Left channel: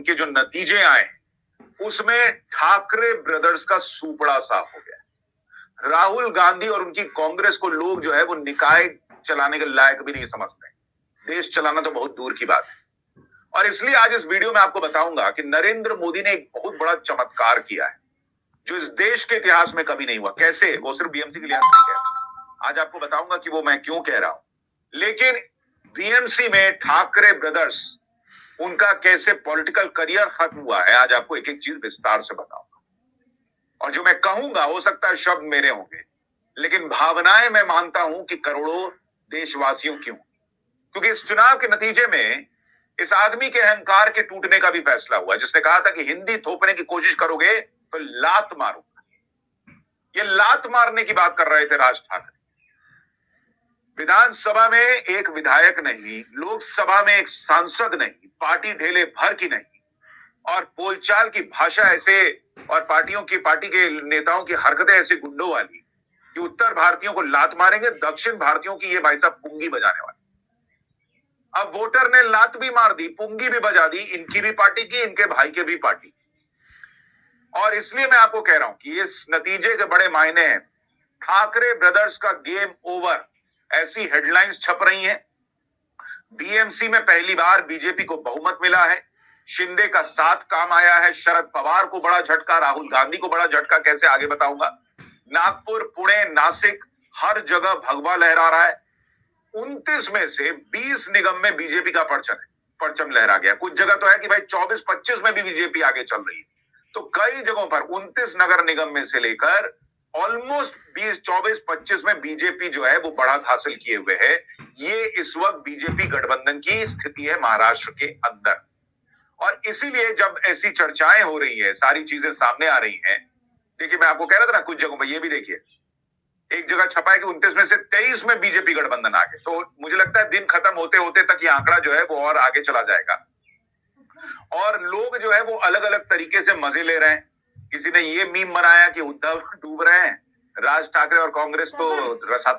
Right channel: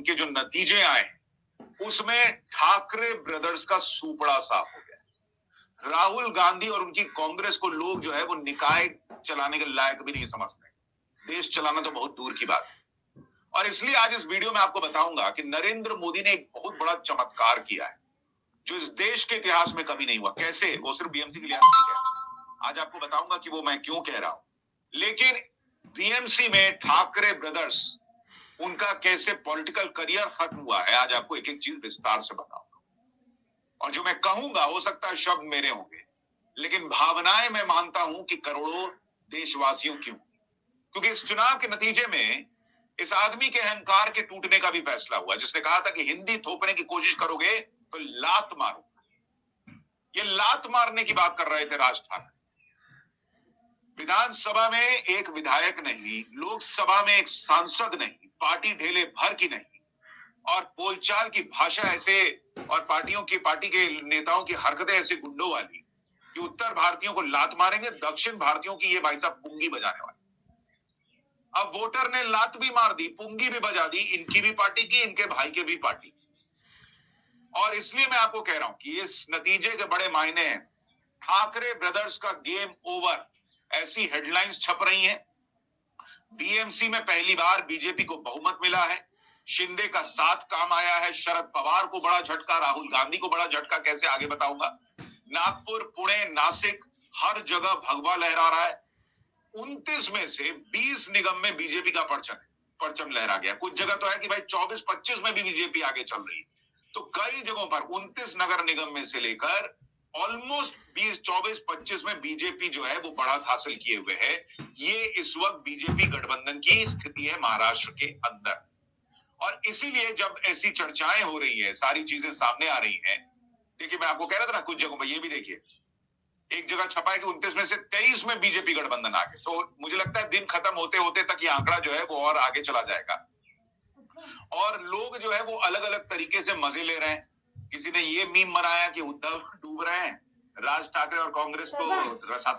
उनके जो नतीजे आए उसमें ठाकरे ब्रदर्स का सूपड़ा साफ हो गया। राहुल गांधी और उनकी कांग्रेस को लोग जो है वो निकाय चलाने के लायक भी नहीं समझते। देश चलाना तो बहुत दूर की बात है। और इसलिए आज इस वीडियो में आपको बताऊंगा कि नरेंद्र मोदी ने एक बहुत बड़ा चमत्कार किया है जो इस देश के इतिहास में कभी नहीं हुआ। कैसे? वो सिर्फ बीएमसी के लिहाज से नहीं कह रहा, आज आपको बताऊंगा कि वो मैं क्यों कह रहा हूं। लेकिन बीएमसी में ठाकरे ब्रदर्स, उनका कैसे पॉलिटिकल करियर खत्म हुआ है, आज आपको एक एक चीज विस्तार से बताऊंगा। और जो मैं कहूंगा हो सकता है शब्द मेरे होंगे, लेकिन भावनाएं मैं मानता हूं कि करोड़ों देशवासियों की होंगी। क्योंकि इस चुनाव के नतीजे में इस आदमी के अहंकार के टूटने का भी फैसला हुआ, जिसने कहा था कि हिंदी थोपने की कोशिश करोगे तो लात मारूंगा। ये लात मारने की बात कर रहे थे राज ठाकरे। विधानसभा में एक विधायक नहीं, लोकसभा में एक सांसद नहीं, पार्टी ढेले भर की नहीं, और बोलचाल की भाषा ऐसे और पार्टी के नेताओं की हरकतें ऐसे गुंडों वाली कि उत्तर भारतीयों को लात मारेंगे, दक्षिण भारतीयों की ये भाई साहब पुंगी बजाने वाले। अब वोटर ने लात भी मार दी, पुंगी भी बजा दी, इनकी भी पार्टी की, इनके भाई के भी पार्टी। और इसलिए मैं आपको कह रहा हूं कि इस नतीजे के बड़े मायने हैं। ठाकरे ब्रदर्स का गेम ओवर, ऐसी हेडलाइंस छप रही हैं। बीएमसी में पहली बार बीजेपी को बहुमत मिला है। शिंदे का साथ काम आया है। शरद पवार को बड़ा झटका, राहुल गांधी को बड़ा झटका, कैसे आगे बताऊंगा। नागपुर, पुणे, नासिक, हर जगह भगवा लहरा रहा है। 29 में से 20 निगम में बीजेपी का परचम लहरा गया। कुछ जगह तो है कि भाई 24-25 में भी बीजेपी आगे चल रही है। तो कई जगहों पर 29 नगर निगम में से लेकर ऑलमोस्ट 20-24-25 में बीजेपी जो है वो बढ़त हासिल किए हुए है। ये इस वक्त बीजेपी गठबंधन की स्थिति है महाराष्ट्र के अंदर। और इसीलिए जब ऐसी चर्चाएं हो रही है, सारी चीजें सामने आ रही हैं। देखिए, मैं आपको कह रहा था ना, कुछ जगहों पर ये भी देखिए, एक जगह छपा है कि 29 में से 23 में बीजेपी गठबंधन आ गए। तो मुझे लगता है दिन खत्म होते होते तक ये आंकड़ा जो है वो और आगे चला जाएगा। और लोग जो है वो अलग अलग तरीके से मजे ले रहे हैं। किसी ने ये मीम बनाया कि उद्धव डूब रहे हैं, राज ठाकरे और कांग्रेस तो रसाता